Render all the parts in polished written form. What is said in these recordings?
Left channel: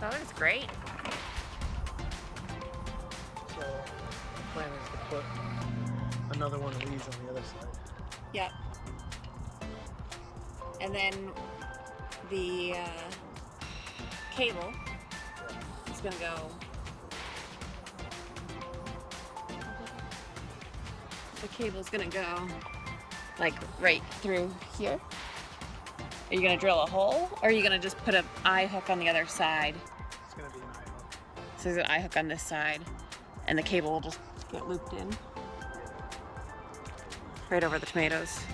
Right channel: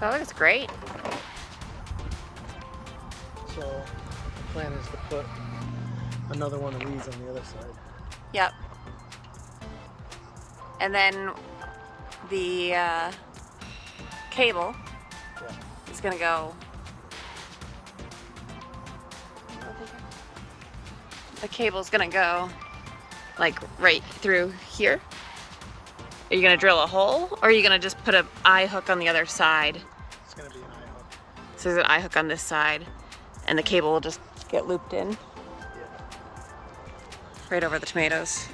That looks great. So the plan is to put another one of these on the other side. Yep. And then the cable is gonna go. The cable's gonna go like right through here. Are you gonna drill a hole, or are you gonna just put an eye hook on the other side? It's gonna be an eye hook. So there's an eye hook on this side, and the cable will just get looped in right over the tomatoes.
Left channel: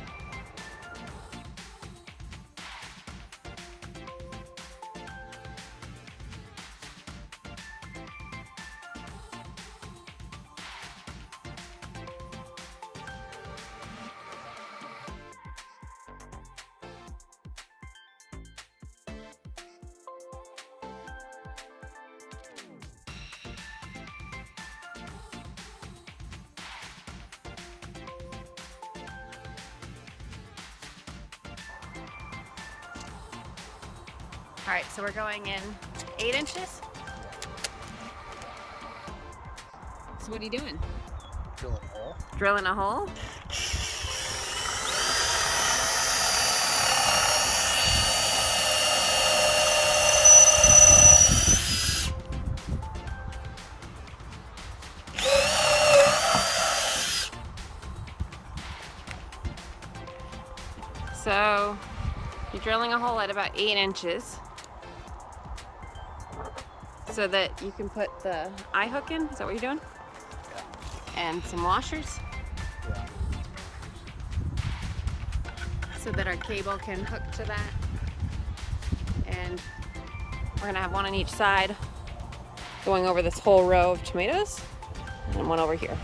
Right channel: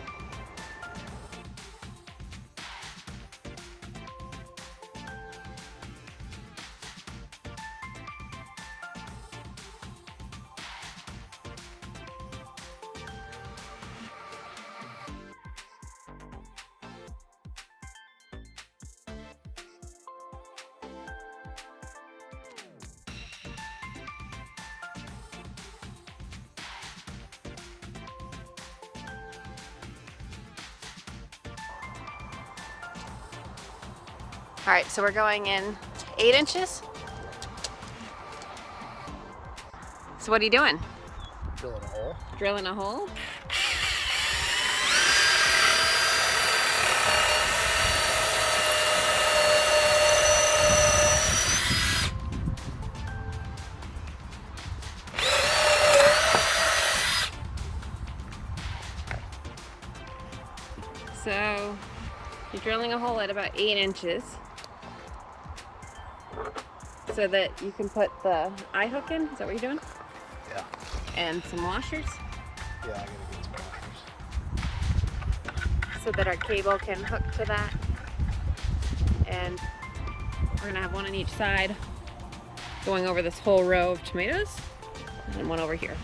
All right, so we're going in 8 inches. So what are you doing? Drilling a hole. Drilling a hole? So you're drilling a hole at about 8 inches so that you can put the eye hook in. Is that what you're doing? Yeah. And some washers Yeah, I'm gonna get some washers. so that our cable can hook to that. And we're gonna have one on each side going over this whole row of tomatoes, and one over here.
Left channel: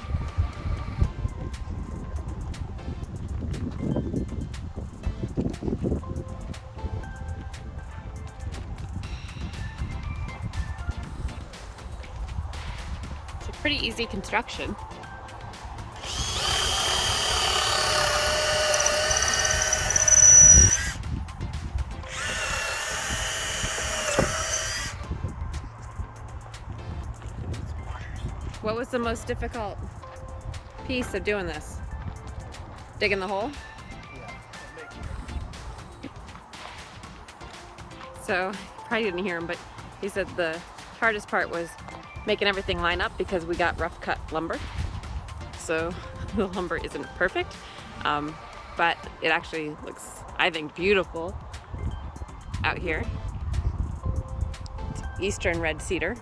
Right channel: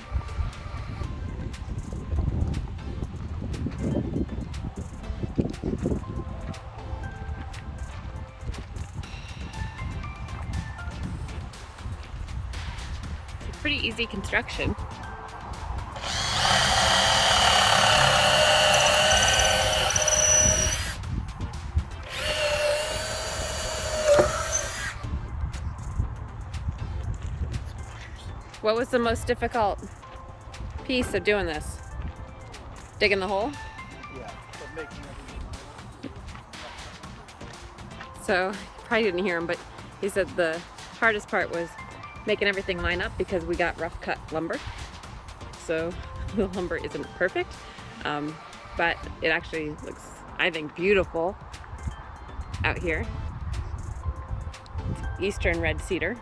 It's a pretty easy construction. What was the most difficult piece of doing this? Digging the hole? Yeah, but making it. So, you probably didn't hear him, but he said the hardest part was making everything line up because we got rough cut lumber. So the lumber isn't perfect, but it actually looks, I think, beautiful out here. It's Eastern red cedar.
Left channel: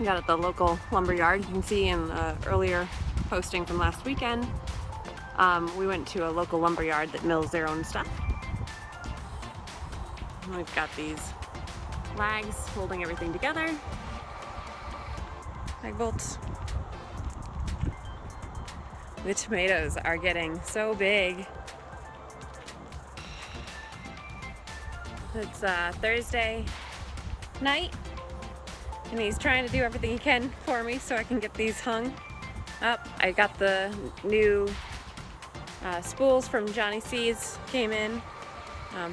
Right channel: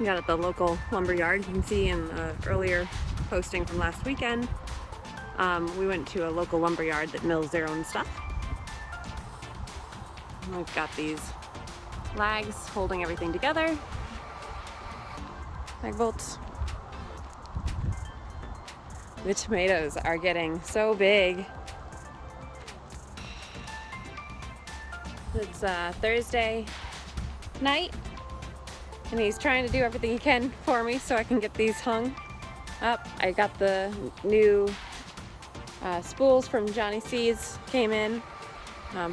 We got it at the local lumber yard. You can see in the earlier posting from last weekend, we went to a local lumber yard that mills their own stuff. And we've got these lags holding everything together. Lag bolts. The tomatoes are getting so big. It's Thursday night, and he's trying to do everything he can for me so I can get these hung up. I got the new spools from Johnny C's, came in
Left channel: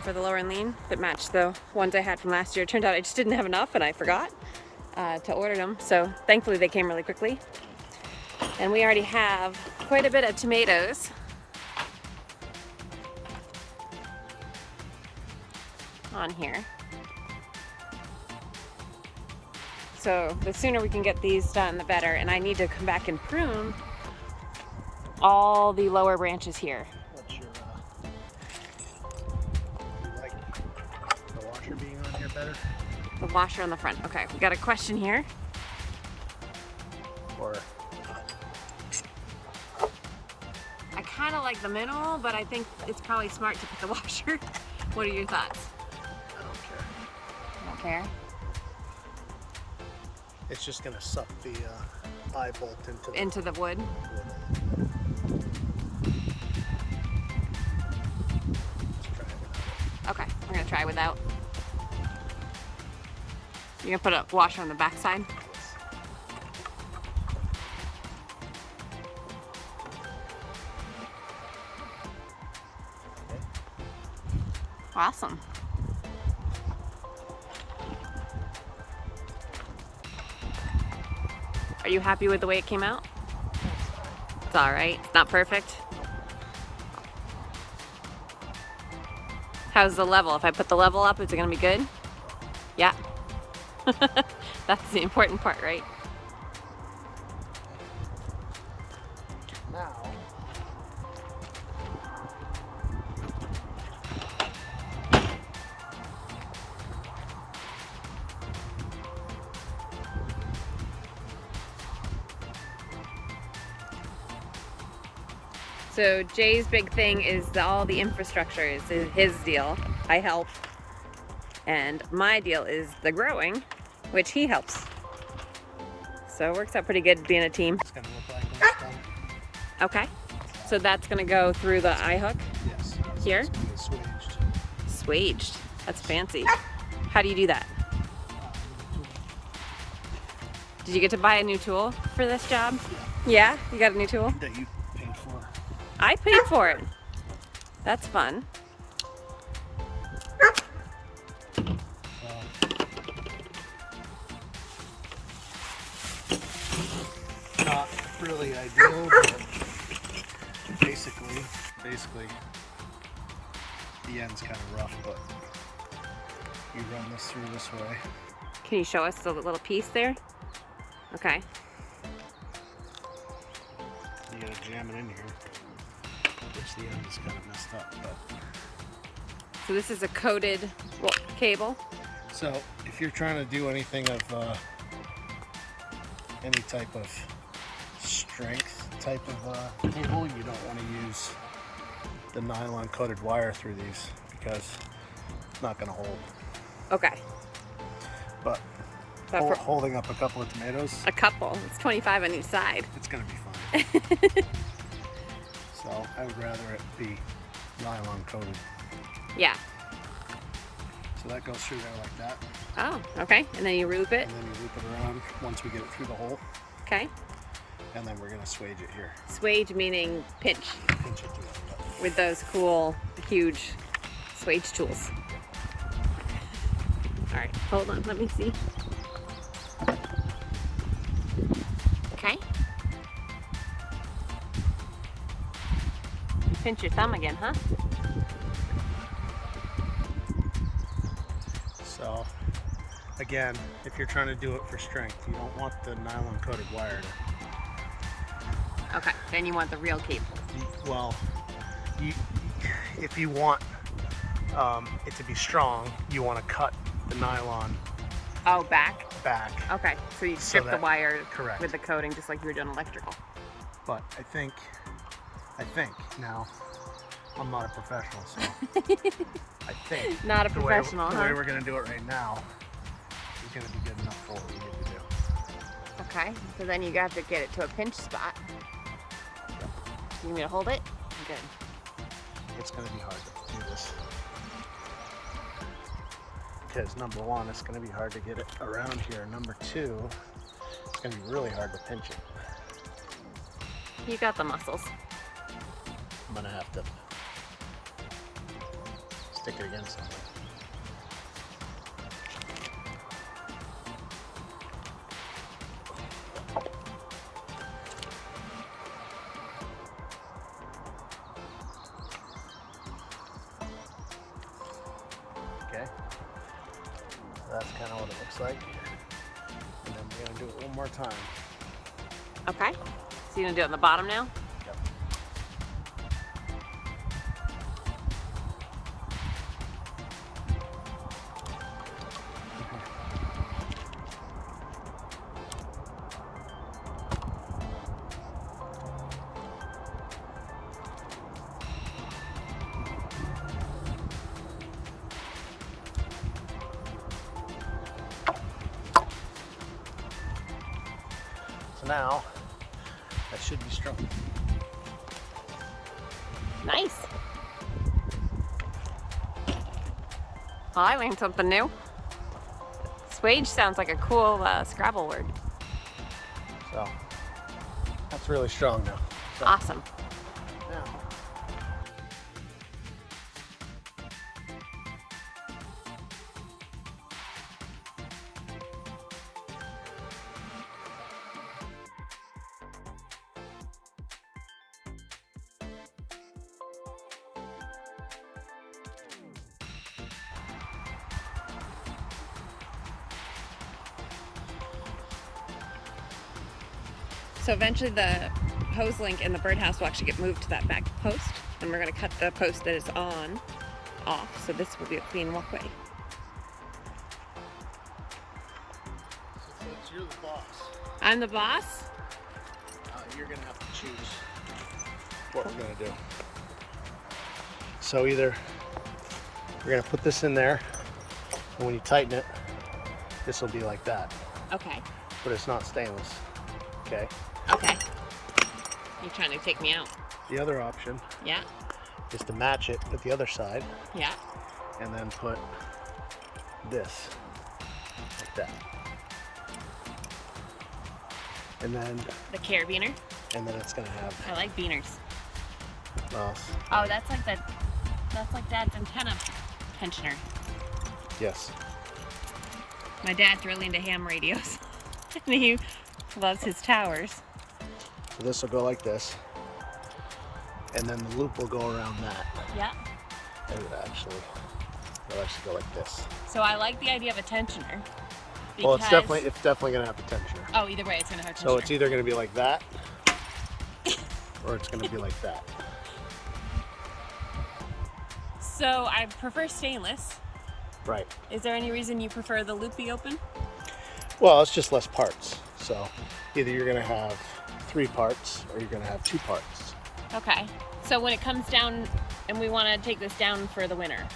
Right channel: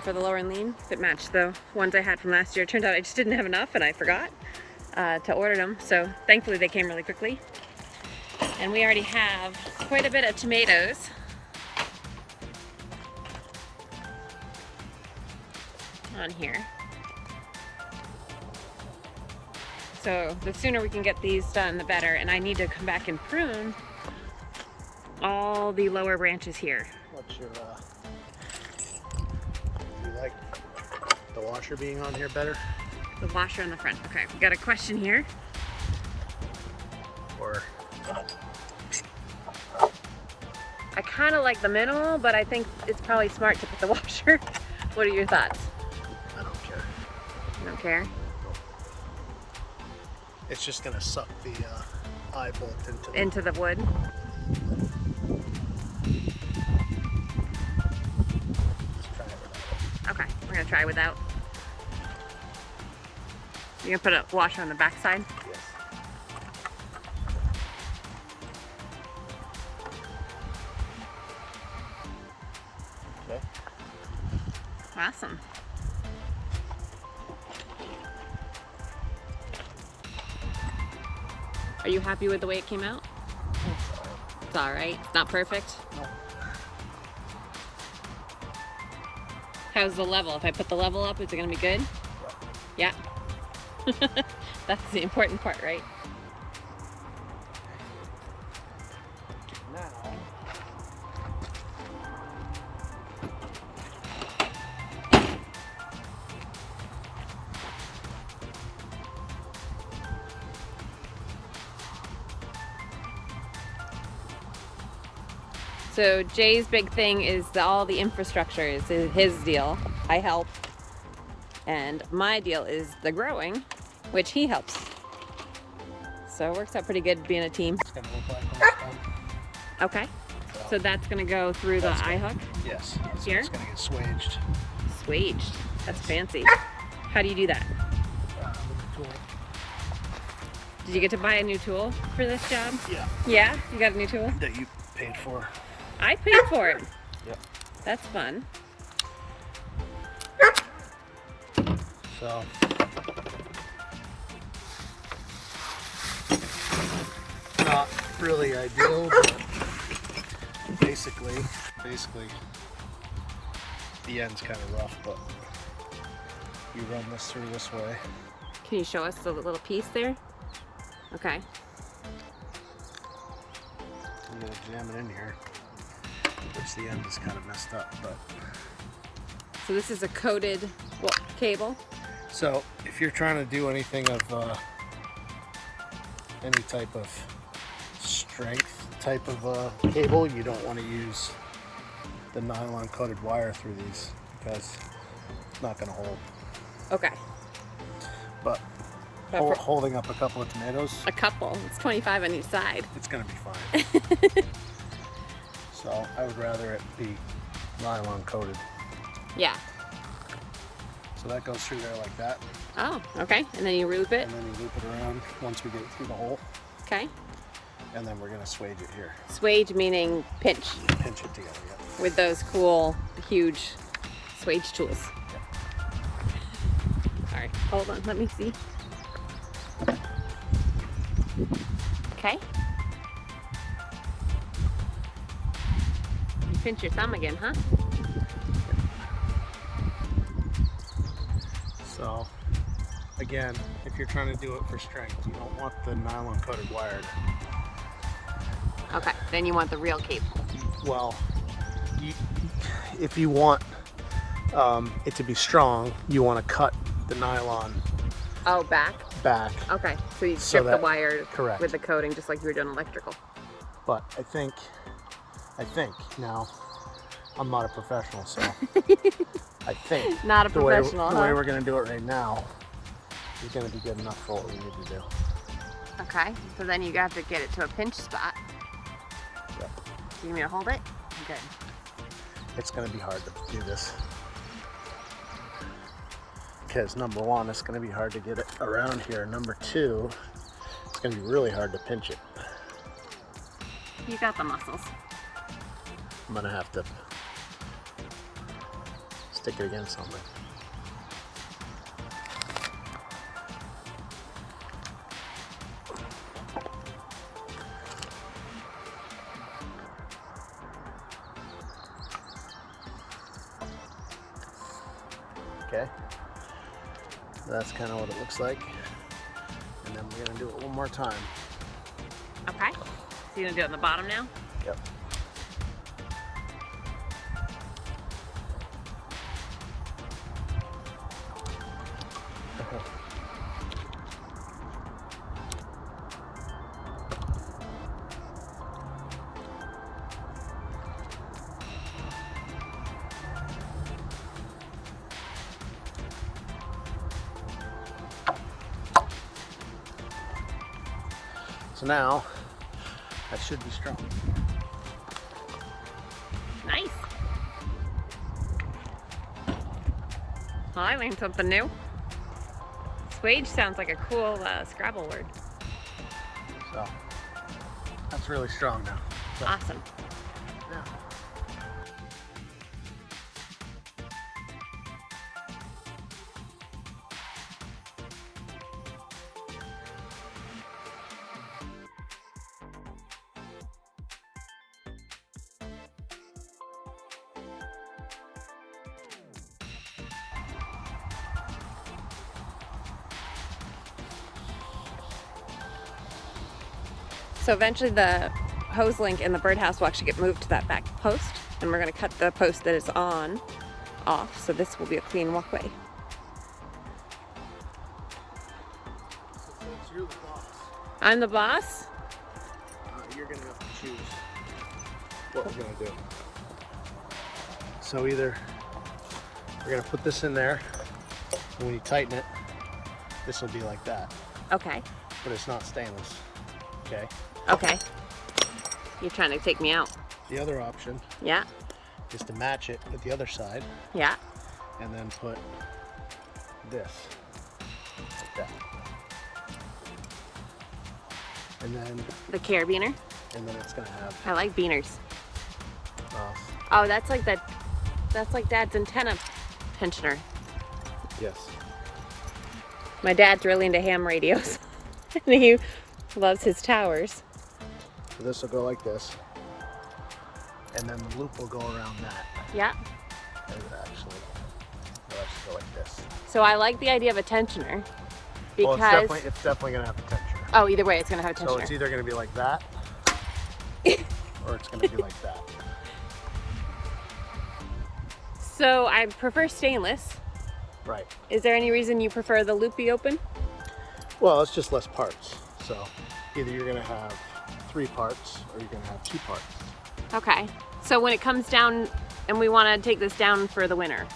for the lower and lean that matched the ones I had from last year. It turned out I just didn't have enough and I forgot to order them, so thankfully they came really quickly. And we already have quite a bit of tomatoes. On here. So the sooner we can get these done, the better. And I need to come back and prune all the lower branches here. What's your, do you like the washer being on here better? The washer on the front. Okay, we got a question here. Or I kind of like the minimal, but I think it's probably smart to put the washer. What are your thoughts? I don't care. You don't care? Nope. It's just gonna suck the eye bolt Into the wood. Let's try it without it. Okay, we're gonna try without. You're gonna put a washer on the back side? Yes. Okay. Awesome. Are you happy with the way it came out? That's all right. It's all right. It's not perfect. Nope. How's the level? If I put the level up, is it gonna be good? Yep. Yeah. That's the important part, right? Now, So Jay's big thing is all the infrastructure is his deal. I help. And my deal is the growing, which he helps. So it works out pretty good being a team. it's gonna look like when it's done. Okay. So that's gonna go through the eye hook? Yes. So Here? it's gonna get swaged. Swaged. That's Yes. fancy. How do you do that? With a tool. Did you get to buy a new tool for this job? Yeah. Yeah? You got a new tool? That you paid for. I paid for it. Yep. That's fun. So. Not really ideal, but basically, the end's kind of rough, but you run this through this way. Can you show us the little piece there? Okay. You gotta jam it in here, which the end is kind of messed up, but. So this is a coated cable. So if you're trying to do anything of any type of strength type of cable, you don't want to use the nylon coated wire through these because it's not going to hold. Okay. But for holding up a couple of tomatoes, a couple. It's 25 on each side. it's going to be fine. So I would rather it be nylon coated. Yeah. So that goes through there like that, Oh, okay. And then you loop it. and then you loop it around once we get it through the hole, Okay. and then we're going to swage it here. Swage meaning pinch Pinch it together. Yep. with those cool, huge swage tools. All right, hold on. Let me see. Okay. You pinch your thumb again, huh? So, again, if you're trying to do it for strength, you don't want the nylon coated wire to, Okay. Then you want the real cable. well, if you want it to be strong, you want to cut the nylon Oh, back? back. Okay. So you So strip the that- wire correct. with the coating just like you were doing electrical. But I think, now, I'm not a professional, so I think Not a the way professional, huh? we're going to do it right now is going to be good enough for what we need to do. Okay. So then you have to get it to a pinch spot. Yep. You need me to hold it? Good. It's going to be hard to do this. Because number one, it's going to be hard to get it around here. Number two, it's going to be really hard to pinch it. You got the muscles. I'm going to have to stick it against something. Okay. That's kind of what it looks like. And then we're going to do it one more time. Okay. So you're gonna do it on the bottom now? Yep. So now, that should be strong. Nice. Well, I learned something new. Swage sounds like a cool Scrabble word. So, that's really strong now. Awesome. So eventually the hose link in the birdhouse will actually get moved to that back post, and we're gonna cut the post that is on off, so this will be a clean walkway. Since you're the boss, I'm the boss? you're gonna have to choose what we're gonna do. So either we're gonna put this in there, and when you tighten it, this will be like that, Okay. but it's not stainless. Okay. Okay. You're trying to take me out. The other option Yeah. is to match it with the other side, Yeah. and then put this like that, and then The carabiner. it's gonna have I like beaners. uh, Oh, that's like that. That's like Dad's antenna tensioner. yes. My dad's really into ham radios. And he loves his towers. So this will go like this, and then the loop will go around that, Yeah. and it actually will actually go like this. So I like the idea of a tensioner because Well, it's definitely gonna have a tensioner. oh, either way, it's gonna have a So tensioner. it's either gonna be like that, or it's gonna be like that. So I prefer stainless. Right. Is there any reason you prefer the loopy open? Well, it's just less parts. So either you're gonna have 3 parts, or you're gonna have 2 parts. Okay. So when it comes down and we want to take this down for the winter,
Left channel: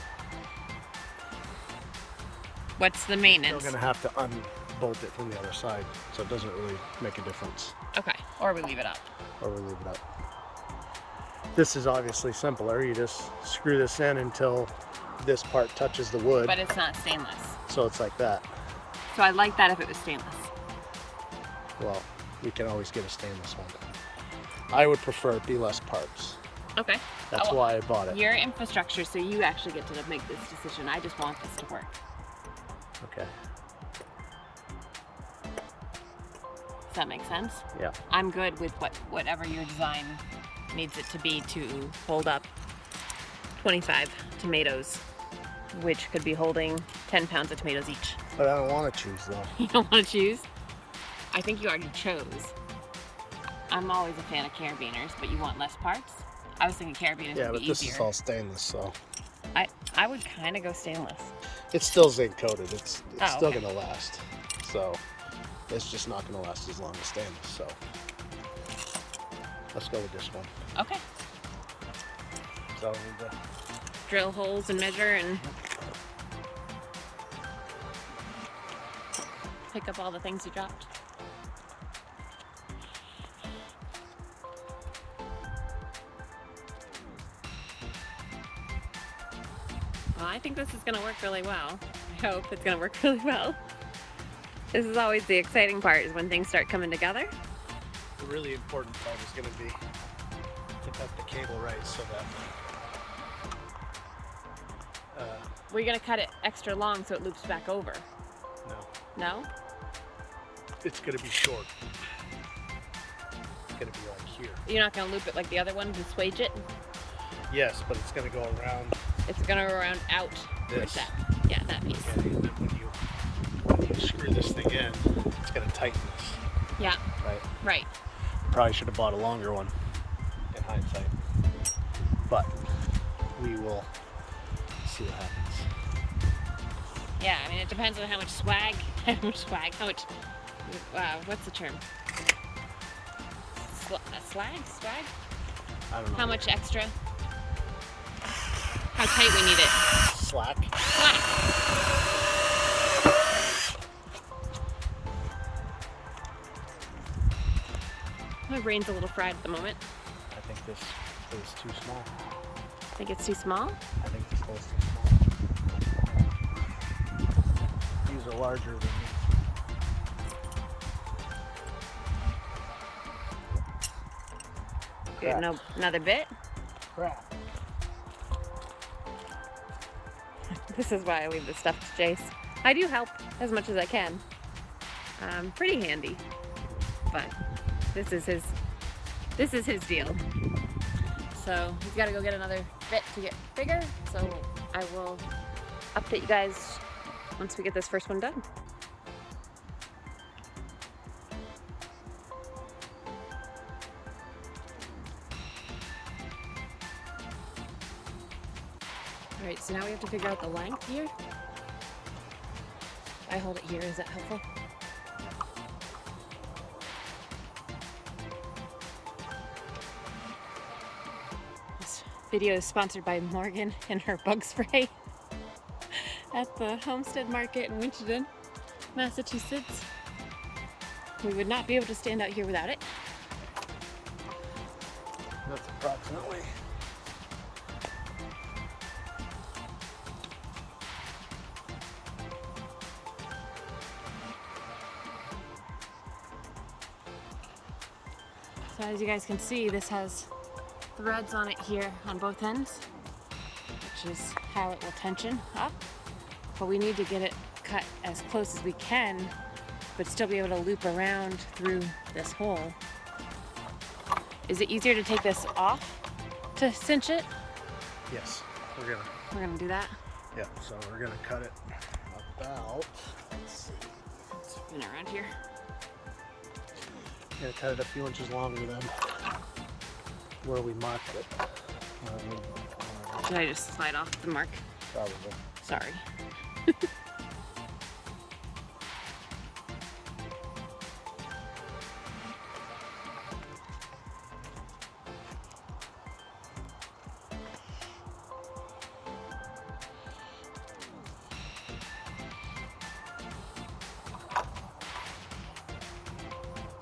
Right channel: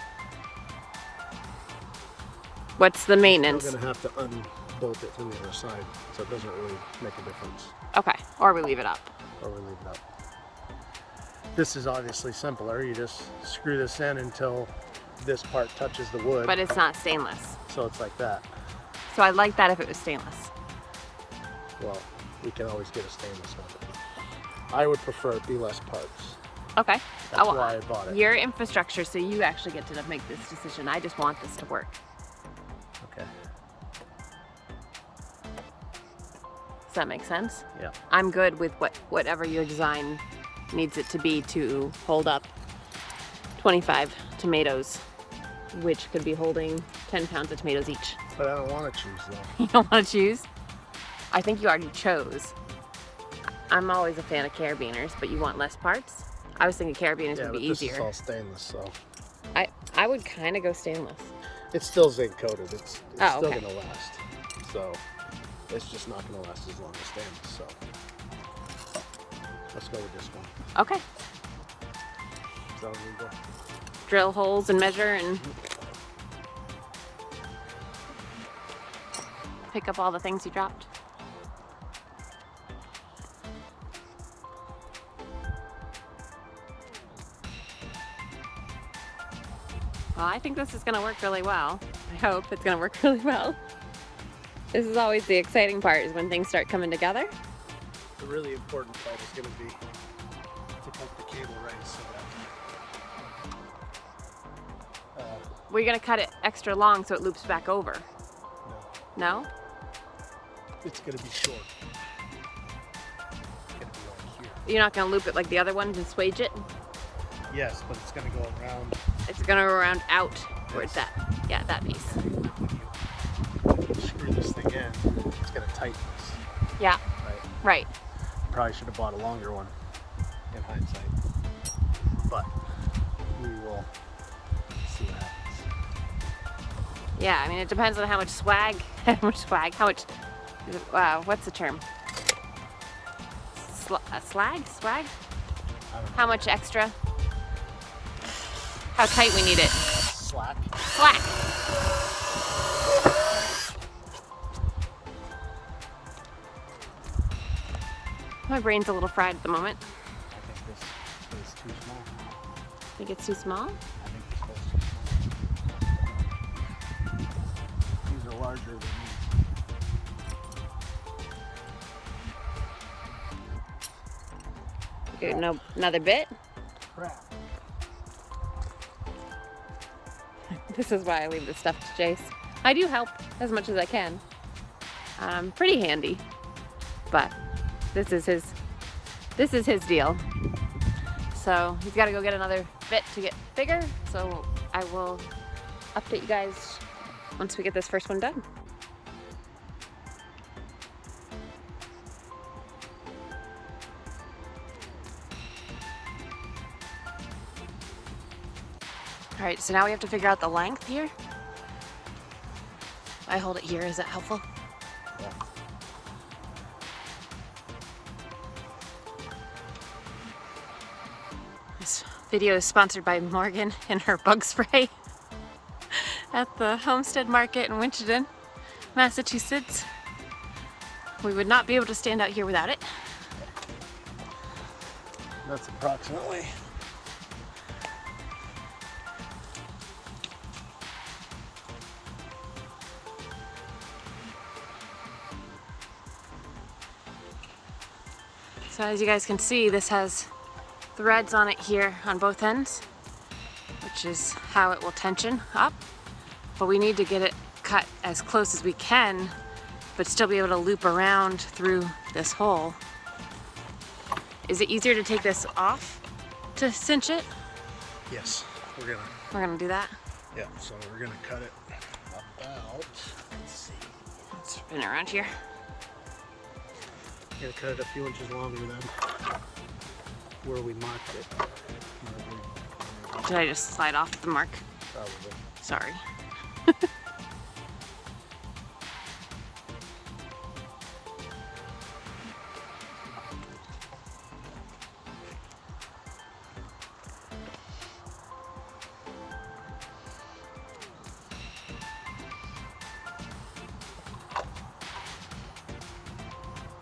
what's the maintenance? You're gonna have to unbolt it from the other side, so it doesn't really make a difference. Okay. Or we leave it up. Or we leave it up. This is obviously simpler. You just screw this in until this part touches the wood. But it's not stainless. So it's like that. So I'd like that if it was stainless. Well, we can always get a stainless one. I would prefer it be less parts. Okay. That's why I bought it. Your infrastructure, so you actually get to make this decision. I just want this to work. Okay. Does that make sense? Yeah. I'm good with whatever your design needs it to be to hold up 25 tomatoes, which could be holding 10 pounds of tomatoes each. But I don't want to choose though. You don't want to choose? I think you already chose. I'm always a fan of carabiners, but you want less parts? I was thinking carabiners would be easier. This is all stainless, so I would kind of go stainless. it's still zinc coated. It's Oh, still okay. gonna last. So it's just not gonna last as long as stainless. So let's go with this one. Okay. So we need to Drill holes and measure and pick up all the things you dropped. Well, I think this is going to work really well. I hope it's going to work really well. This is always the exciting part, is when things start coming together. The really important part is going to be to cut the cable right so that We're going to cut it extra long so it loops back over. no, No? it's going to be short. It's going to be like here. You're not going to loop it like the other one to swage it? Yes, but it's going to go around. It's going to go around out towards This. that. Yeah, that piece. When you screw this thing in, it's going to tighten this, Yeah, right? right. Probably should have bought a longer one in hindsight, but we will see what happens. Yeah, I mean, it depends on how much swag, what's the term? Swag? I don't know. How much extra? How tight we need it. Slack. Slack. My brain's a little fried at the moment. I think this is too small. Think it's too small? I think this hole's too small. These are larger than these. Good, no, another bit. Crap. This is why I leave this stuff to Jace. I do help as much as I can. Pretty handy, but this is his deal. So he's got to go get another bit to get bigger. So I will update you guys once we get this first one done. All right, so now we have to figure out the length here. I hold it here, is that helpful? Yeah. This video is sponsored by Morgan and her bug spray at the Homestead Market in Winchendon, Massachusetts. We would not be able to stand out here without it. That's approximately. So as you guys can see, this has threads on it here on both ends, which is how it will tension up. But we need to get it cut as close as we can, but still be able to loop around through this hole. Is it easier to take this off to cinch it? Yes, We're gonna do that. yeah, so we're gonna cut it about, let's see, Let's spin it around here. we're gonna cut it a few inches longer than where we marked it. Did I just slide off the mark? Probably. Sorry.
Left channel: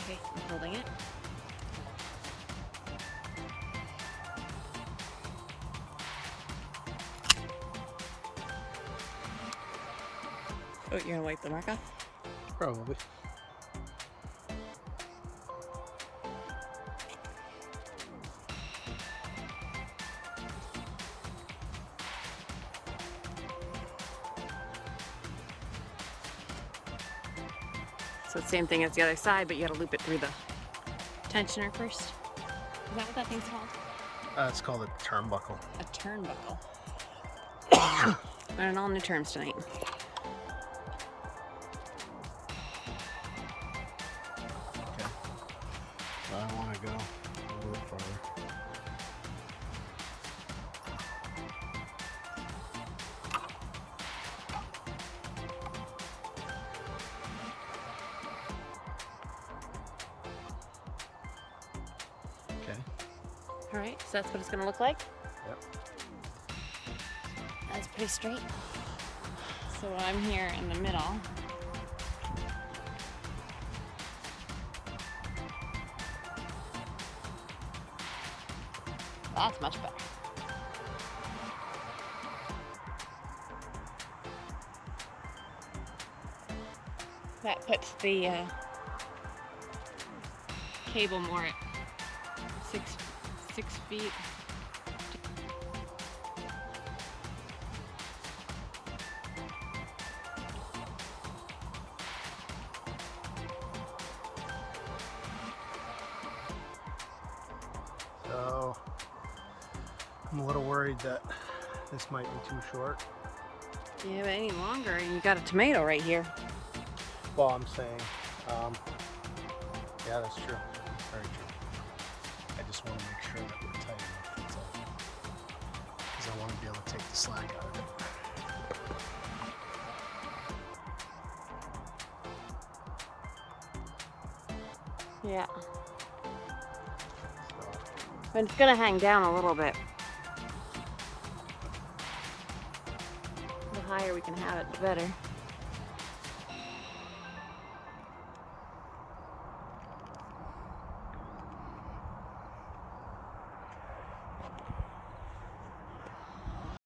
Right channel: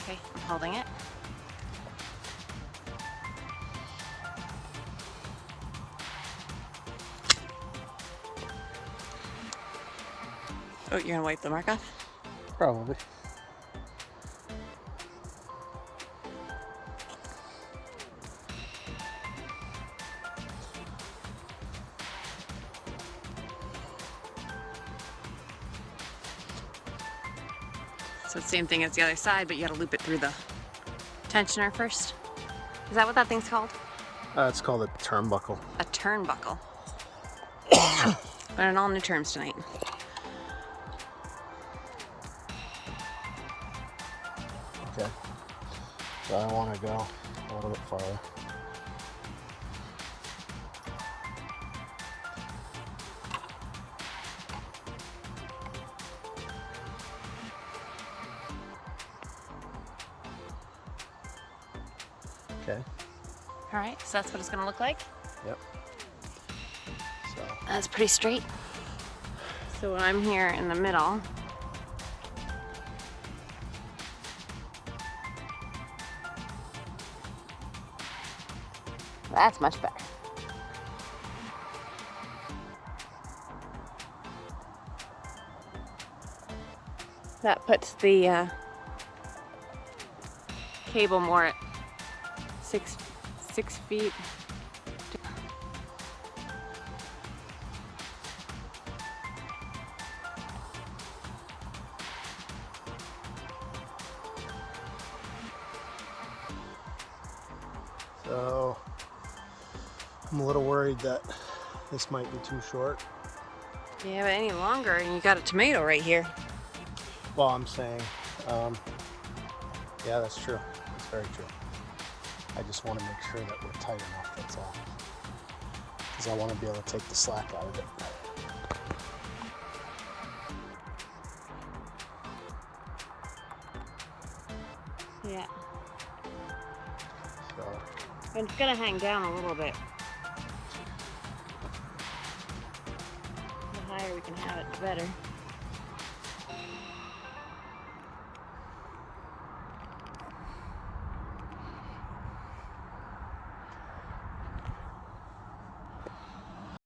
Okay, I'm holding it. Oh, you're gonna wipe the mark off? Probably. So it's the same thing as the other side, but you gotta loop it through the tensioner first. Is that what that thing's called? It's called a turnbuckle. A turnbuckle. Learning all new terms tonight. Okay. So I want to go a little bit farther. Okay. All right, so that's what it's gonna look like. Yep. So That's pretty straight. So I'm here in the middle. That's much better. That puts the cable more at six feet. So I'm a little worried that this might be too short. Yeah, but any longer and you got a tomato right here. Well, I'm saying, yeah, that's true. That's very true. I just want to make sure that we're tight enough, that's all. Because I want to be able to take the slack out of it. Yeah. So, But it's gonna hang down a little bit. The higher we can have it, the better.